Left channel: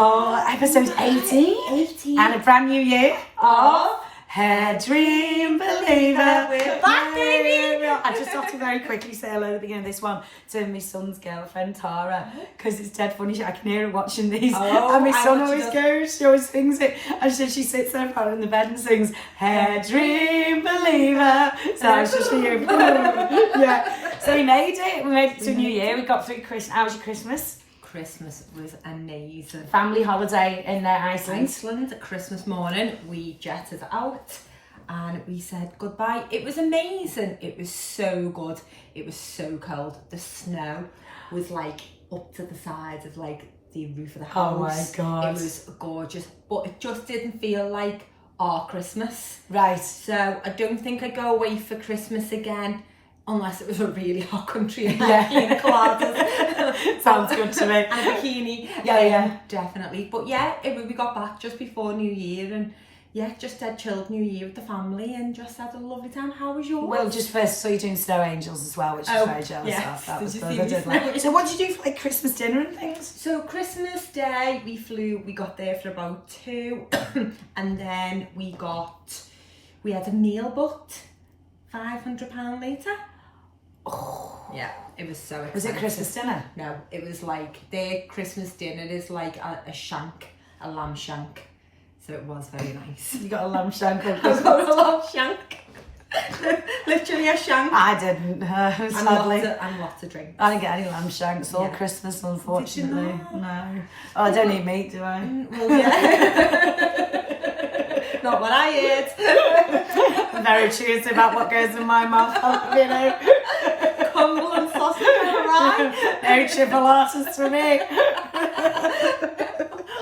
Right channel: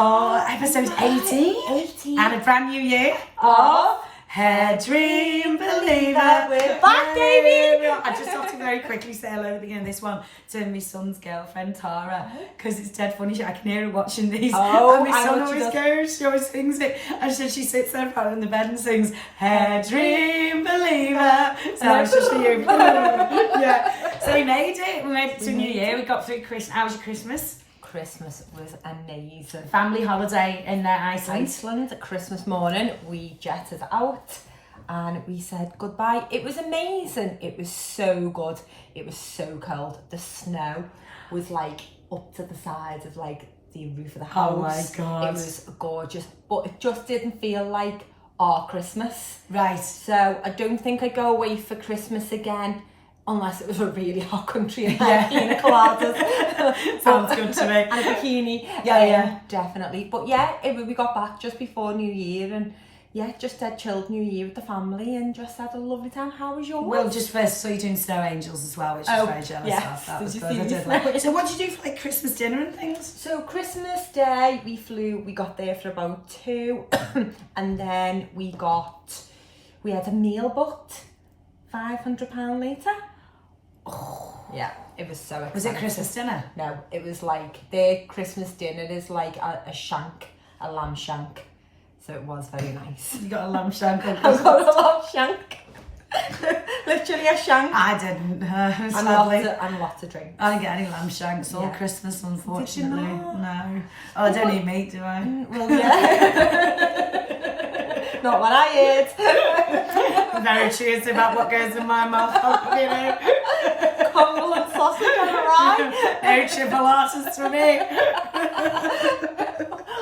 Oh, episode 18. And a brand new year of Hairdream Believer. We're back, baby. I just have to very quickly say hello at the beginning of this one to my son's girlfriend, Tara, because it's dead funny. I can hear her watching these. And my son always goes, she always sings it. And she sits there in the bed and sings, Hairdream Believer. So it's just for you. Yeah. So we made it to a new year. We got through Christmas. How was your Christmas? Christmas was amazing. Family holiday in Iceland. Christmas morning, we jetted out and we said goodbye. It was amazing. It was so good. It was so cold. The snow was like up to the sides of like the roof of the house. Oh my God. It was gorgeous, but it just didn't feel like our Christmas. Right. So I don't think I'd go away for Christmas again. Unless it was a really hot country and pina coladas. Sounds good to me. And a bikini. Yeah. Definitely. But yeah, we got back just before New Year and yeah, just had chilled New Year with the family and just had a lovely time. How was yours? Well, just first, so you're doing Snow Angels as well, which I was very jealous of. That was good. I did like. So what did you do for like Christmas dinner and things? So Christmas Day, we got there for about 2 and then we had a meal booked £500 later. Oh, yeah, it was so expensive. Was it Christmas dinner? No, it was like their Christmas dinner is like a lamb shank. So it was very nice. You got a lamb shank on I got a lamb shank. Literally a shank. I didn't, sadly. And lots of drinks. I didn't get any lamb shanks all Christmas, unfortunately. No. Oh, I don't eat meat, do I? Well, yeah. Not what I ate. Very choosy about what goes in my mouth, you know. Crumble and sausage on the rye. No chipolatas for me.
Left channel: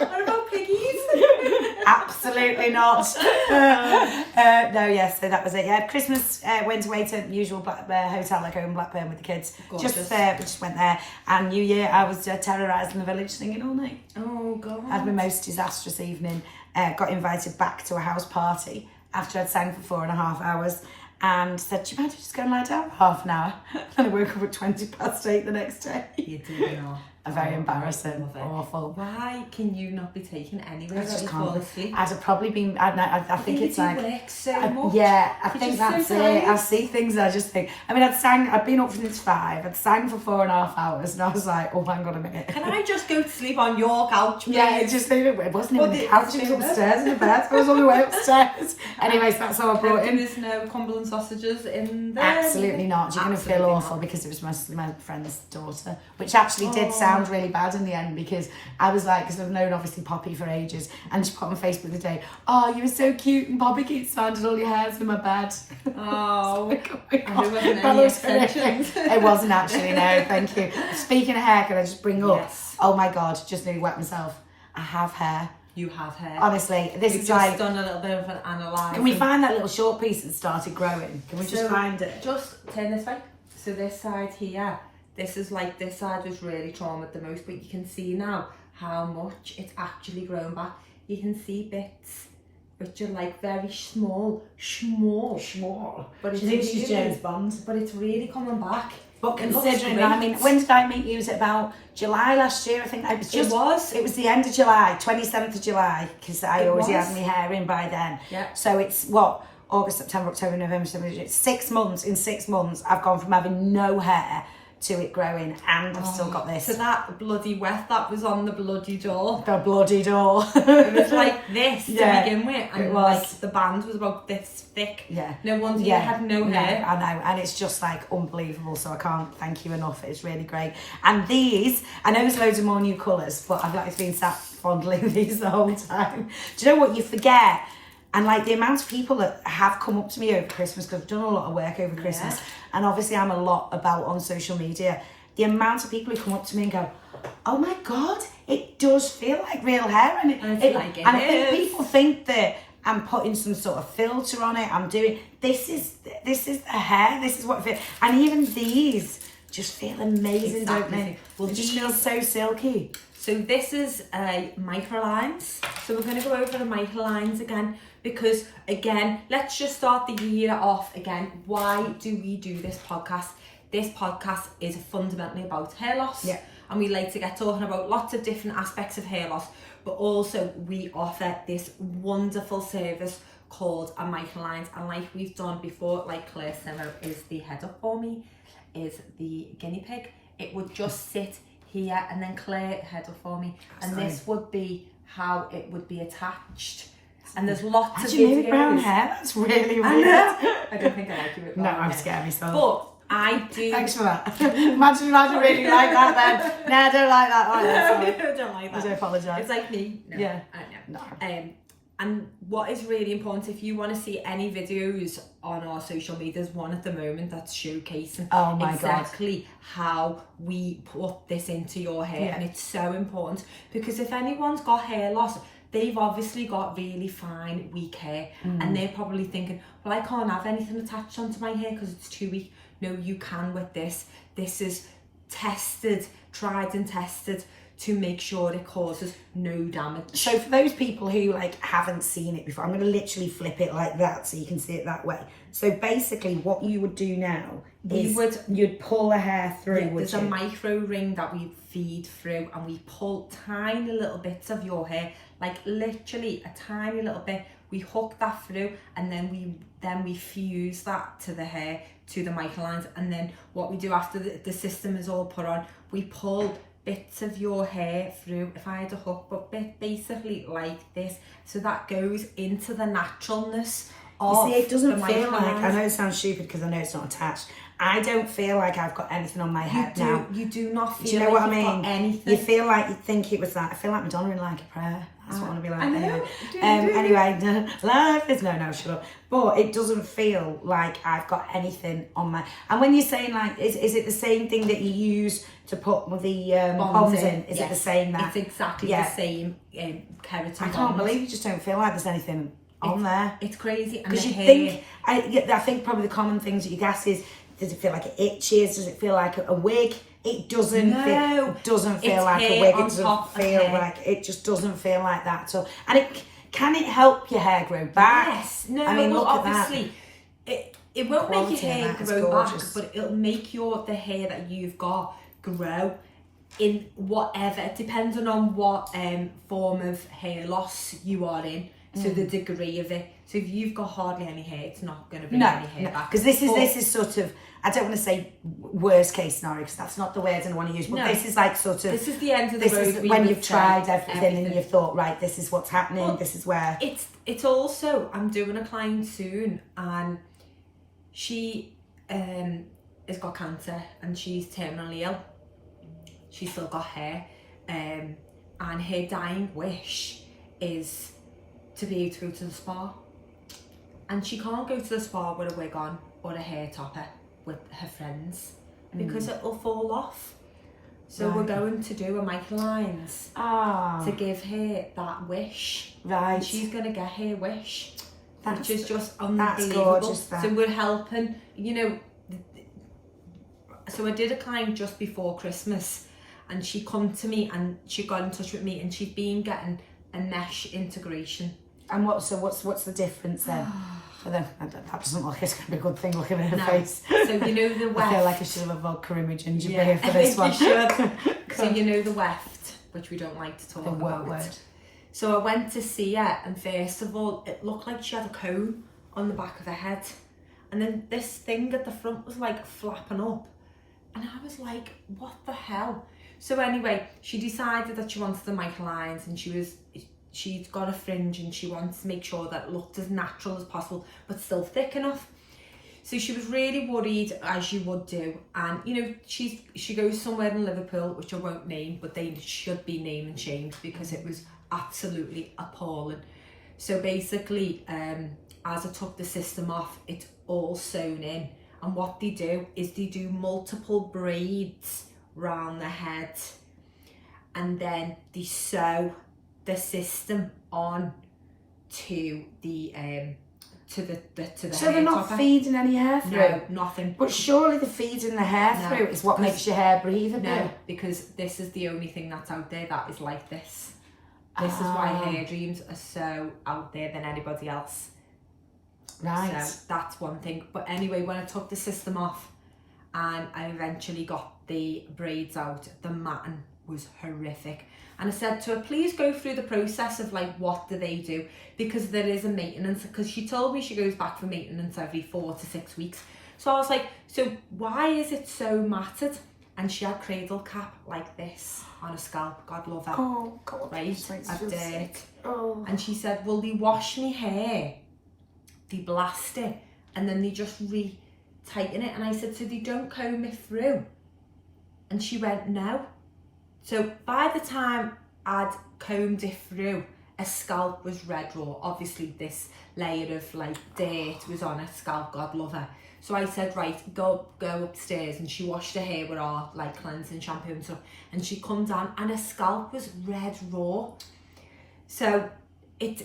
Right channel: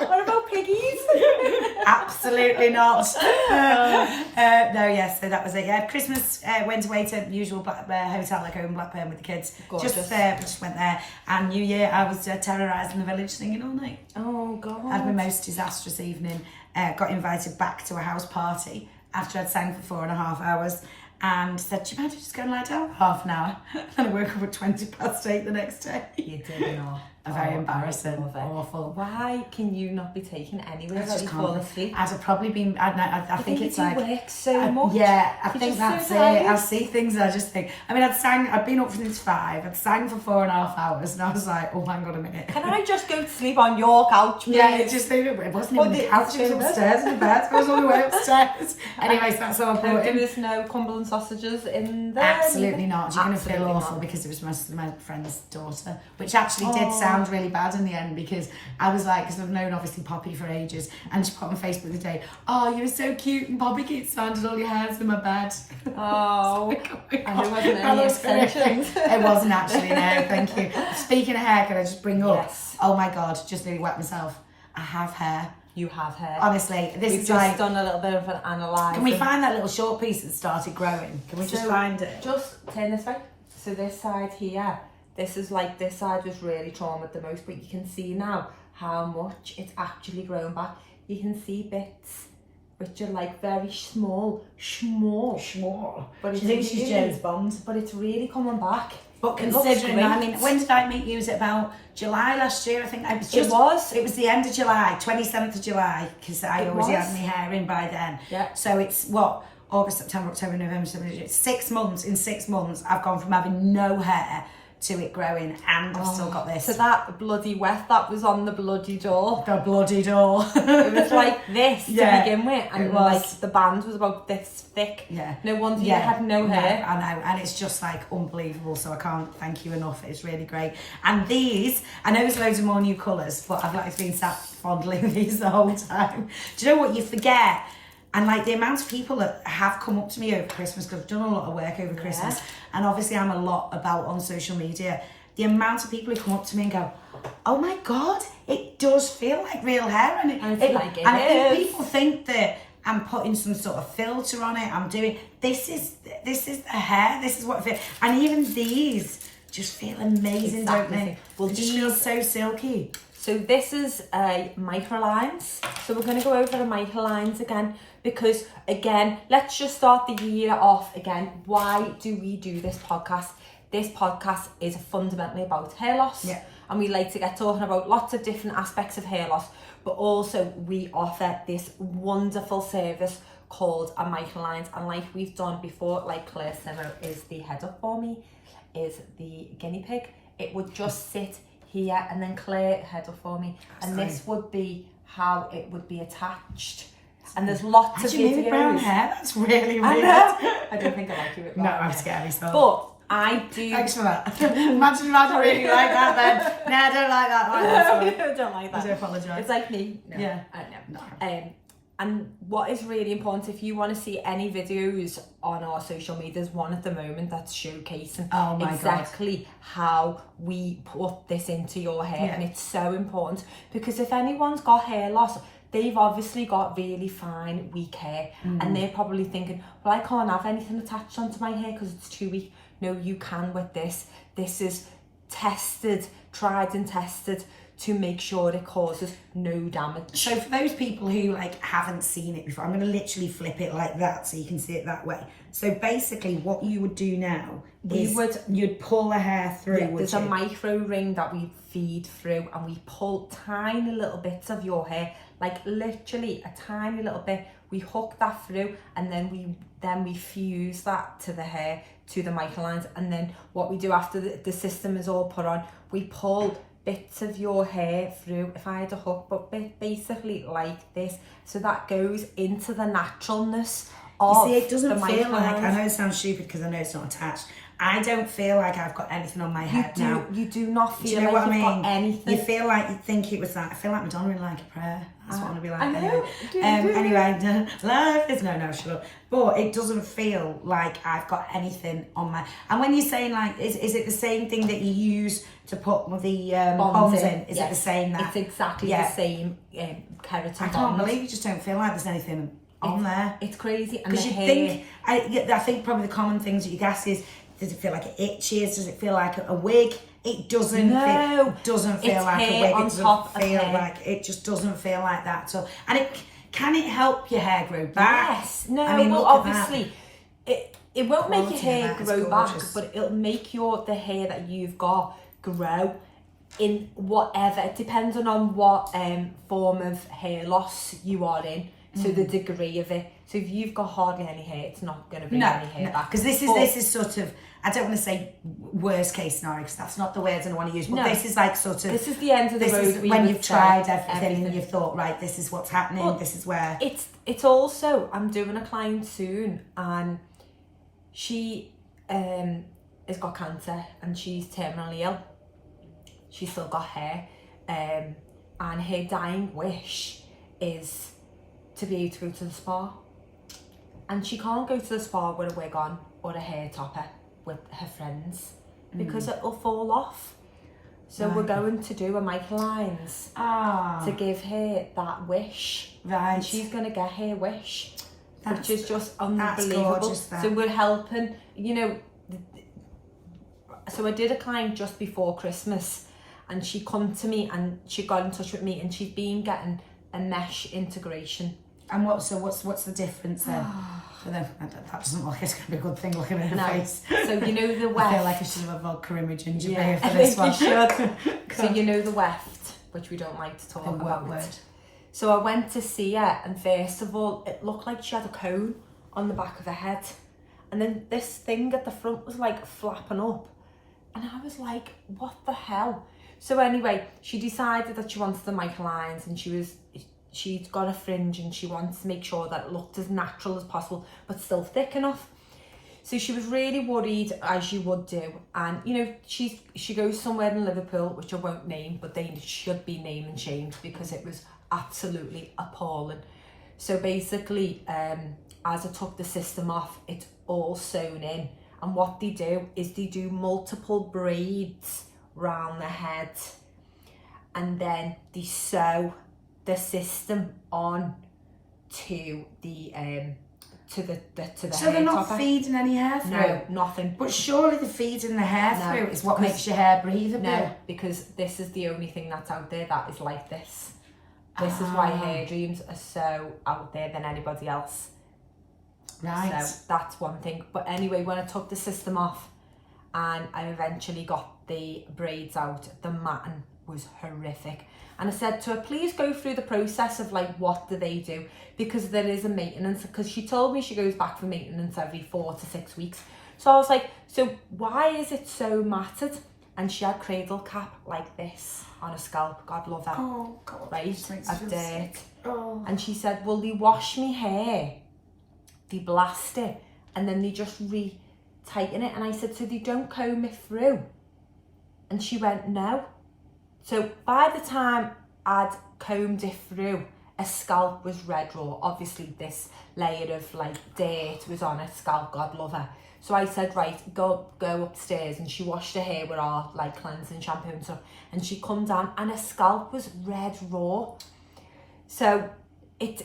What about piggies? Absolutely not. No, yes, so that was it. Yeah, Christmas went away to usual hotel like home in Blackburn with the kids. Gorgeous. Just went there. And New Year, I was terrorising the village singing all night. Oh God. Had my most disastrous evening. Got invited back to a house party after I'd sang for 4.5 hours. And said, do you mind if you just go and lie down for half an hour? And I woke up at 8:20 the next day. You did not. Very embarrassing. Awful. Why can you not be taken anywhere that you fall asleep? I'd have probably been, I think it's like... work so much. Yeah, I think that's it. I see things and I just think... I mean, I'd been up since 5. I'd sang for 4.5 hours and I was like, oh, hang on a minute. Can I just go to sleep on your couch, please? Yeah, it wasn't even the couch, it was upstairs in the bed. I was on the way upstairs. Anyways, that's how I brought in. There's no Cumberland sausages in there? Absolutely not. You're going to feel awful because it was my friend's daughter, which actually did sound really bad in the end because I was like, because I've known obviously Poppy for ages, and she put on Facebook the day, oh, you were so cute and Poppy keeps finding all your hairs in my bed. Oh, like, oh it wasn't actually, no, thank you. Speaking of hair, can I just bring up, oh my God, just nearly wet myself. I have hair. You have hair. Honestly, this We've is just like... done a little bit of an analyse. Can we find that little short piece that started growing? Can we just find it? Just turn this way. So this side here, this side was really traumatized the most, but you can see now how much it's actually grown back. You can see bits which are like very small. But she thinks she's James Bond. But it's really coming back. But considering that, I mean, when did I meet you? Was it about July last year? I think it was the end of July, 27th of July, because I already had my hair in by then. Yeah. So it's what? August, September, October, November, December, it's 6 months. In 6 months, I've gone from having no hair to it growing, and I've still got this. So that bloody wet that was on the bloody door. The bloody door. It was like this to begin with, and it was. Like, the band was about this thick. Yeah. No wonder you had no hair. I know, and it's just like unbelievable. So I can't thank you enough. It's really great. And these, I know there's loads of more new colours, but I've like been sat fondling these the whole time. Do you know what you forget? And like the amount of people that have come up to me over Christmas, because I've done a lot of work over Christmas, and obviously I'm a lot about on social media, the amount of people who come up to me and go, oh my God, it does feel like real hair. And I think people think that I'm putting some sort of filter on it. I'm doing, this is the hair, this is what it feels. And even these just feel amazing, don't they? Well, they just feel so silky. So this is MicroLines. So we're going to go over the MicroLines again. Because again, let's just start the year off again. Why do we do this podcast? This podcast is fundamentally about hair loss. Yeah. And we like to get talking about lots of different aspects of hair loss. But also we offer this wonderful service called a MicroLines, and like we've done before, like Claire Simmo is the head up for me, is the guinea pig. It would just sit here, and then Claire head up for me, and this would be how it would be attached. And there's lots of videos. With brown hair, that's really weird. I don't think I like it with brown hair. No, I'm scared myself. But I do. Thanks for that. Imagine if I don't really like that then. No, I don't like that. I don't like that. I do apologise. It's like me. No, yeah. I know. No. And what is really important, if you want to see any videos on our social media, there's one at the moment that's showcasing exactly how we put this into your hair. And it's so important, because if anyone's got hair loss, they've obviously got really fine, weak hair, and they're probably thinking, well, I can't have anything attached onto my hair because it's too weak. No, you can with this. This is tested, tried and tested, to make sure it causes no damage. So for those people who like haven't seen it before, I'm going to literally flip it like that so you can see it that way. So basically what you would do now is you'd pull the hair through, there's a micro ring that we feed through, and we pull tiny little bits of your hair, like literally a tiny little bit. We hook that through, and then we fuse that to the hair, to the MicroLines. And then what we do after the system is all put on, we pull bits of your hair through, if I had a hook, but basically like this, so that goes into the naturalness of. You see, it doesn't feel like, I know it sounds stupid because I know it's not attached, I don't feel like I've got anything on my head now. You do not feel, do you know like what I mean? Got anything. You feel like you think it was that. I feel like Madonna in Like a Prayer. That's what I want to be like. I know. Anyway, life is no, shut up. But it doesn't feel like I've got anything on my. And when you're saying like, is it the same thing that you use to put the bonds in? Is it the same that? It's exactly the same keratin. I can't believe you just don't feel like there's anything on there. It's crazy. Because you think, I think probably the common things that you ask is, does it feel like it itches? Does it feel like a wig? It doesn't. No, it doesn't feel like a wig. It doesn't feel like, it just doesn't feel like that. So, and can it help your hair grow back? Yes. No. I mean, well, look obviously, it won't make your hair grow back, but it'll make the hair that you've got grow in whatever. It depends on what form of hair loss you are in. So the degree of it. So if you've got hardly any hair, it's not going to be any hair back. Because this is sort of, I don't want to say worst case scenario, because that's not the words I want to use, but this is like sort of, this is the end of the road. This is when you've tried everything and you've thought, right, this is what's happening, well, this is where. It's also, I'm doing a client soon, and she has got cancer and she's terminally ill. She's still got hair, and her dying wish is to be able to go to the spa, and she can't go to the spa with a wig on or a hair topper with her friends because it'll fall off. So we're going to do a MicroLines to give her that wish. Right. And she's going to get her wish, which is just unbelievable. That's gorgeous, that. So we're helping, so I did a client just before Christmas, and she come to me and she got in touch with me, and she's been getting a mesh integration. And what's the difference then? For them, that doesn't look like it's going to be a good thing looking at her face. So the weft. I feel like I should have a vodka image and ginger for this one. You should. So the weft, which we don't like to talk about. Word. So I went to see her, and first of all, it looked like she had a cone on the back of her head, and then this thing at the front was like flapping up, and I was like, what the hell? So anyway, she decided that she wanted the MicroLines, and she'd got a fringe, and she wants to make sure that it looked as natural as possible, but still thick enough. So she was really worried, as you would do. And, she goes somewhere in Liverpool, which I won't name, but they should be named and shamed because it was absolutely appalling. So basically, as I took the system off, it's all sewn in. And what they do is they do multiple braids round the head, and then they sew the system on to the so they're not feeding any hair through? No, nothing. But surely the feeding the hair through is what makes your hair breathable. No, because this is the only thing that's out there that is like this. This is why Hairdreams are so out there than anybody else. Right. So that's one thing. But anyway, when I took the system off and I eventually got the braids out, the matting was horrific. And I said to her, please go through the process of like, what do they do? Because there is a maintenance, because she told me she goes back for maintenance every 4 to 6 weeks. So I was like, so why is it so matted? And she had cradle cap like this on her scalp. God love her. Oh, God. Right, Makes of me feel dirt. sick. Oh. And she said, well, they wash me hair, they blast it, and then they just re-tighten it. And I said, so they don't comb it through? And she went, no. So by the time I'd combed it through, her scalp was red raw. Obviously this layer of like dirt was on her scalp, God love her. So I said, right, go upstairs, and she washed her hair with our like cleansing shampoo and stuff, and she come down and her scalp was red raw. So it's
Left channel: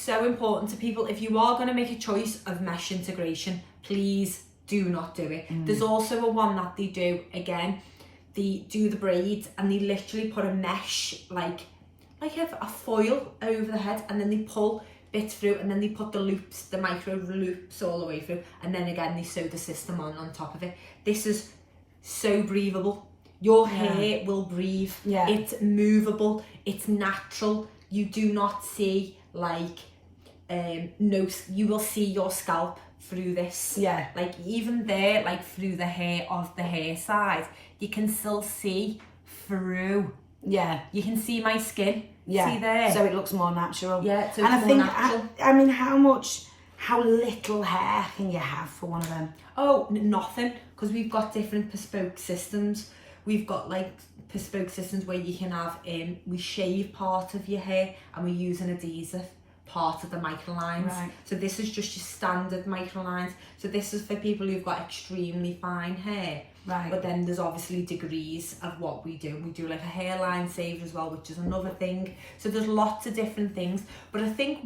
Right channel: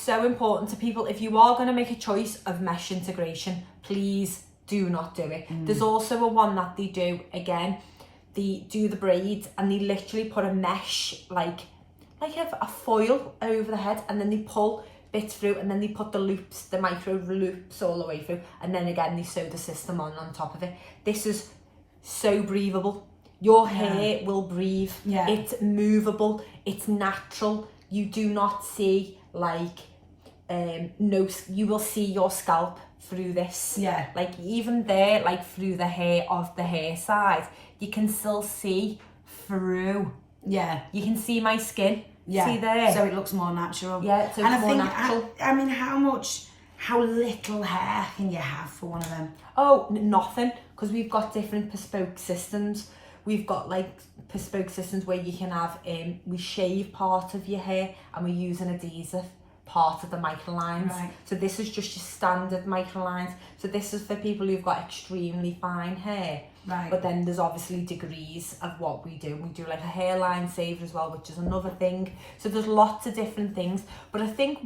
so important to people, if you are going to make a choice of mesh integration, please do not do it. There's also a one that they do, again, they do the braids and they literally put a mesh, like a foil over the head, and then they pull bits through, and then they put the loops, the micro loops all the way through, and then again they sew the system on top of it. This is so breathable. Your hair will breathe. Yeah. It's movable, it's natural. You do not see like no, you will see your scalp through this. Yeah. Like even there, like through the hair of the hair side, you can still see through. Yeah. You can see my skin. Yeah. See there? So it looks more natural. Yeah, so and it's I more think, natural. I mean, how little hair can you have for one of them? Oh, nothing, because we've got different bespoke systems. We've got like bespoke systems where you can have, we shave part of your hair and we use an adhesive part of the MicroLines. Right. So this is just your standard MicroLines. So this is for people who've got extremely fine hair. Right. But then there's obviously degrees of what we do. We do like a hairline save as well, which is another thing. So there's lots of different things. But I think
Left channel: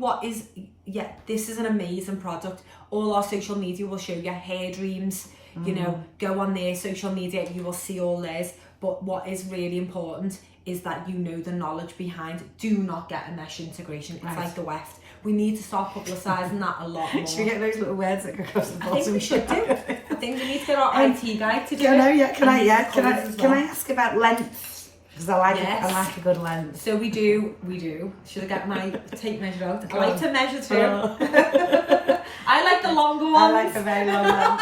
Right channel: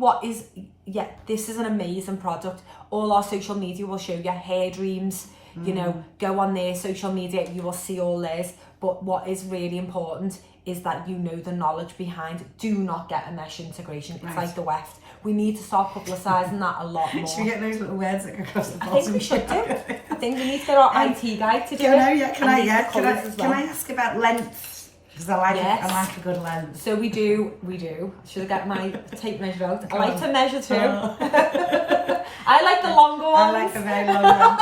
this is an amazing product. All our social media will show you Hairdreams. You know, go on their social media, you will see all theirs. But what is really important is that you know the knowledge behind it. Do not get a mesh integration. It's like the weft. We need to start publicising that a lot more. Should we get those little words that go across the bottom? I think we should do. I think we need to get our IT guy to do it. Can I ask about length? Because I like a good length. So we do. Should I get my tape measure out? I like to measure too. I like the longer ones. I like the very long one.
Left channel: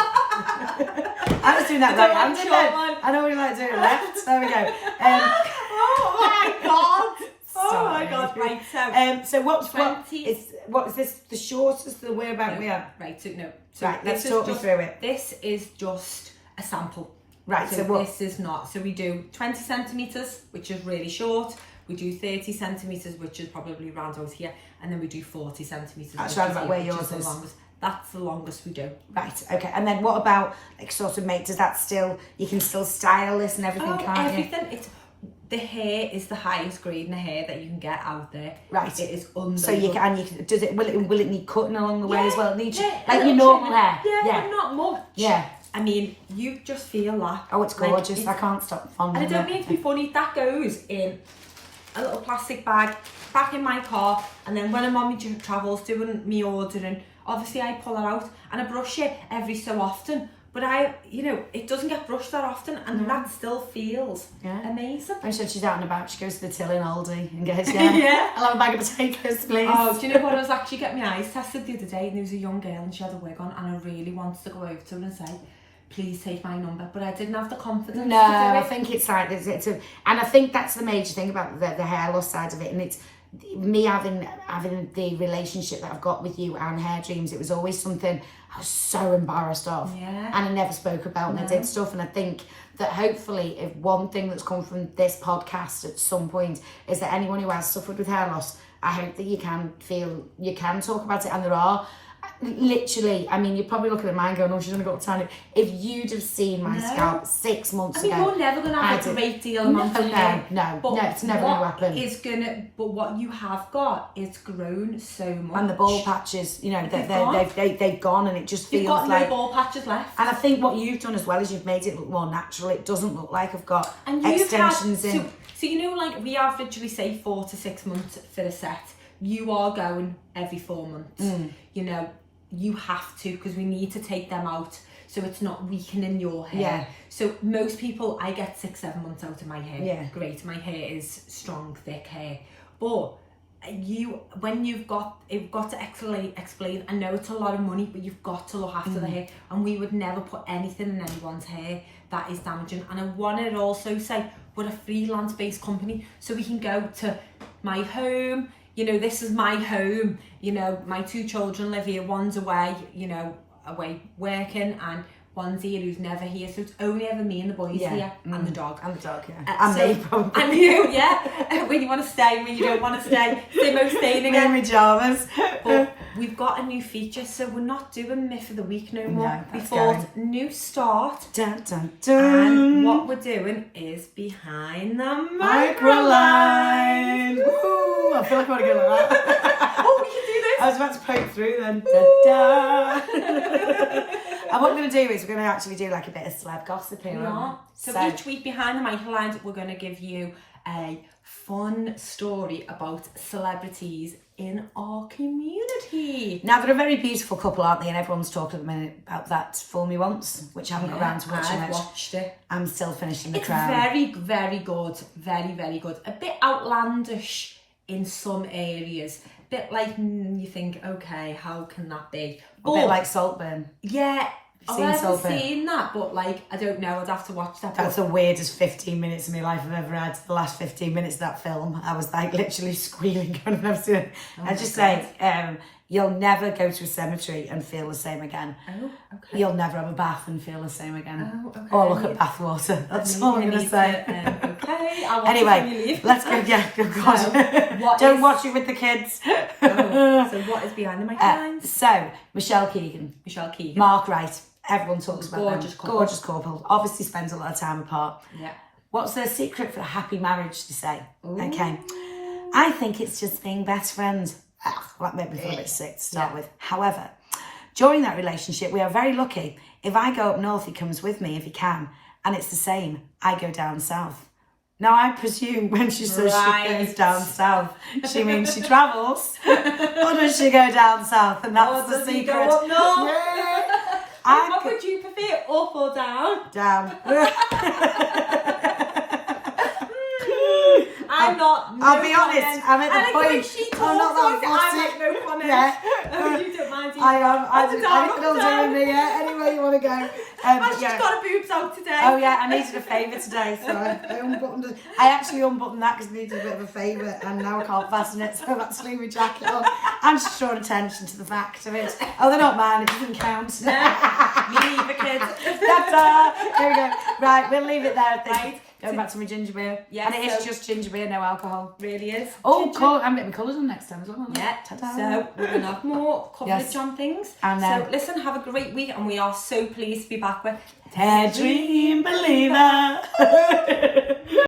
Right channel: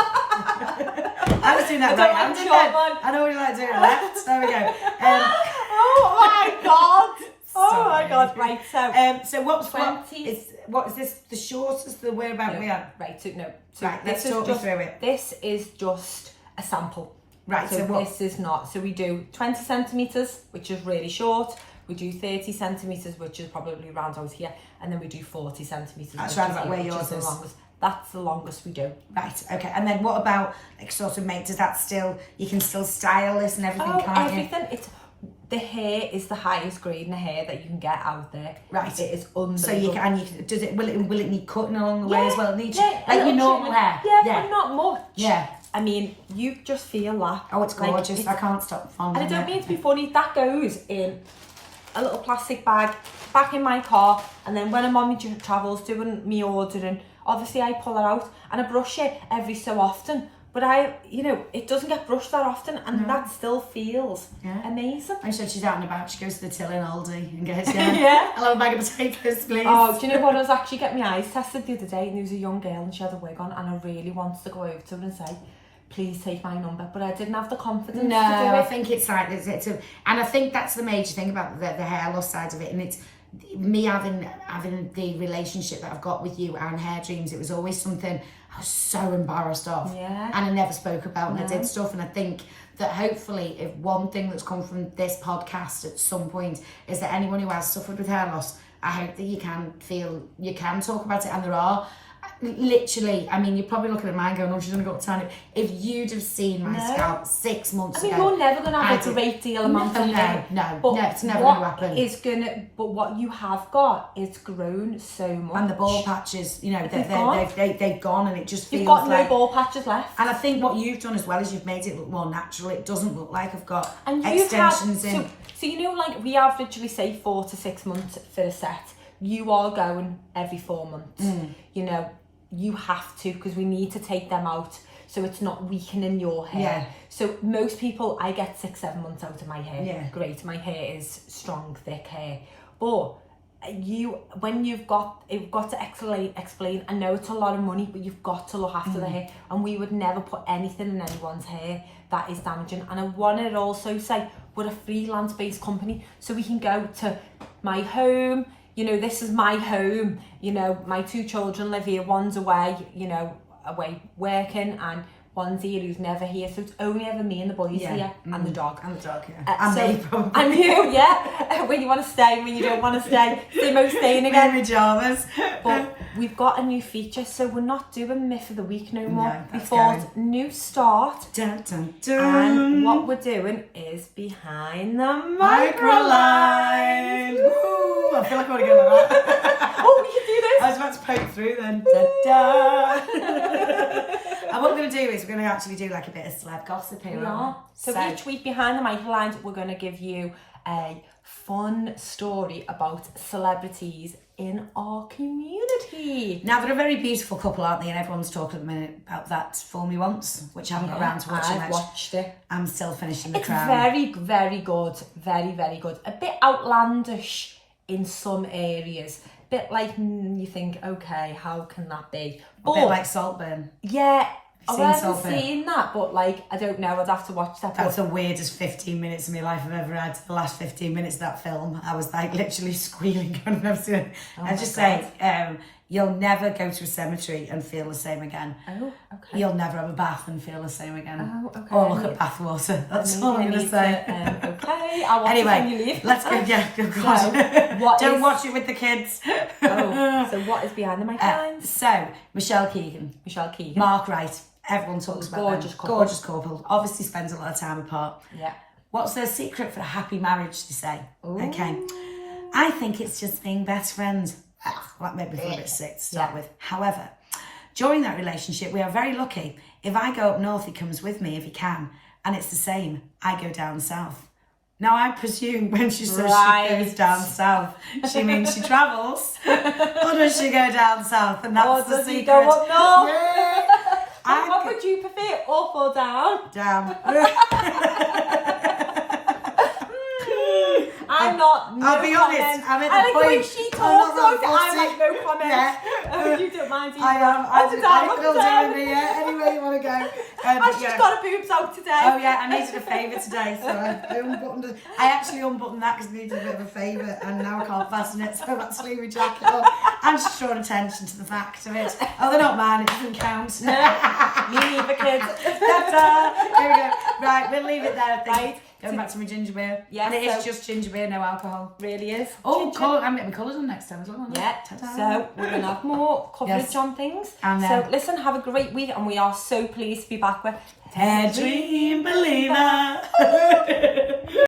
I was doing that right hand, didn't I? I know what you like doing left. There we go. Oh my god. Oh my god. Right. So what is this? The shortest the whereabout we are. Right. So no. Right. Let's talk me through it. This is just a sample. Right. So this is not. So we do 20 centimeters, which is really short. We do 30 centimeters, which is probably around out here, and then we do 40 centimeters. That's right about where yours is. That's the longest we do. Right, okay. And then what about, like, sort of does that still, you can still style this and everything, can't you? Everything. The hair is the highest grade in the hair that you can get out there. Right. It is unbelievable. So you can, will it need cutting along the way as well? It needs, like your normal hair? Yeah, but not much. Yeah. I mean, you just feel that. Oh, it's gorgeous. I can't stop fondling it. And I don't mean to be funny, that goes in a little plastic bag back in my car, and then when I'm on my travels doing me ordering, obviously I pull it out and I brush it every so often, but it doesn't get brushed that often, and that still feels amazing. And she's out and about, she goes to the till in Aldi and goes, yeah, I'll have a bag of potatoes, please. Oh, do you know what? I was actually getting my eyes tested the other day, and there was a young girl and she had a wig on, and I really wanted to go over to her and say, please take my number, but I didn't have the confidence to do it. I think it's like, and I think that's the major thing about the hair loss side of it, and it's me having the relationship that I've got with you and Hairdreams. It was always something I was so embarrassed of, and I never spoke about, and I did stuff, and I think that hopefully, if one thing that's come from this podcast at some point is that anyone who has suffered with hair loss, I hope that you can talk about it, and there are. Literally, I mean, you're probably looking at mine going, oh, she's only got time. If you'd have seen my scalp 6 months ago. I mean, you're never going to have a great deal of months. No, it's never going to happen. But what you have got, it's grown so much. And the ball patches, they've gone, and it just feels like... You've got like... no ball patches left. And I think what you've done as well is you've made it look more natural. It doesn't look like I've got extensions in. So, like, we average, we say 4 to 6 months for a set. You are going every 4 months. You have to, because we need to take them out. so it's not weakening your hair. Yeah. So most people, I get 6-7 months out of my hair. Yeah. Great, my hair is strong, thick hair. But when you've got to explain, I know it's a lot of money, but you've got to look after the hair, and we would never put anything in anyone's hair that is damaging. And I want to also say, we're a freelance based company, so we can go to my home, you know, this is my home, you know, my 2 children live here, one's away, you know, away working, and one's here who's never here, so it's only ever me and the boys here, and the dog. And the dog, yeah. And me, probably. And you, yeah. When you want to stay, when you don't want to stay. Simo staying again. In pyjamas. But we've got a new feature, so we're not doing Myth of the Week no more. No, We that's thought new start. Dun, dun, dun. And what we're doing is behind the MicroLines. Woo! I feel like I want to go like that. Oh, we can do this. I was about to poke through then. Da, da. And what we're going to do is we're going to actually do like a bit of celeb gossip here. We are. So each week behind the MicroLines, we're going to give you a fun story about celebrities in our community. Now, they're a very beautiful couple, aren't they? And everyone's talking at the minute about that Fool Me Once, which I haven't got around to watching. I've watched it. I'm still finishing The It's Crown. very, very good. Very, very good. A bit outlandish in some areas. A bit like, you think, okay, how can that be? A bit like Saltburn. Yeah, Seen I've never Saltburn? seen that, but like, I don't know, I'd have to watch that. That's the weirdest 15 minutes of my life I've ever had. The last 15 minutes of that film, I was like literally squealing when I've never seen it. I just say, you'll never go to a cemetery and feel the same again. Oh, okay. You'll never have a bath and feel the same again. Oh, okay. Or look at bath water. That's all I'm going to say. Okay, I want Anyway, let's go. Yeah, oh God. Don't watch it with the kids. So what is behind the MicroLines? So, Michelle Keegan. Michelle Keegan. Mark Wright. Everyone talks about Gorgeous them. couple. Gorgeous couple. Obviously spends a lot of time apart. Yeah. What's their secret for a happy marriage, they say? Ooh. Okay. I think it's just being best friends. That made me feel a bit sick to start with. However, during that relationship, we are very lucky. If I go up north, he comes with me if he can. And it's the same. I go down south. Now, I presume when she says she goes down south, she means she travels. Or does she go down south? And that's the secret. Go up north? Yeah. What would you prefer, up or down? Down. I'll be honest, I'm at the point. She I'm not that I fussy. like no comment. Yeah. You don't mind. I am. Up and down, I up can all and do down. in there. Anywhere you want to go. She's got her boobs out today. Oh yeah, I needed a favour today, so I unbuttoned it. I actually unbuttoned that because I needed a bit of a favour, and now I can't fasten it, so I've had to leave my jacket on. I'm just drawing attention to the fact of it. Oh, they're not mine, it doesn't count. Me neither, kids. Ta-da! Here we go. Right, we'll leave it there, I think. Right. Going back to my ginger beer. Yeah, and it so- is just ginger beer, no alcohol. Really is. Oh, Ginger. cool. I'm getting my colours on next time as well. Yeah, Ta-da. so we're going to have more coverage Yes. on things. And so listen, have a great week, and we are so pleased to be back with Hairdream Believer.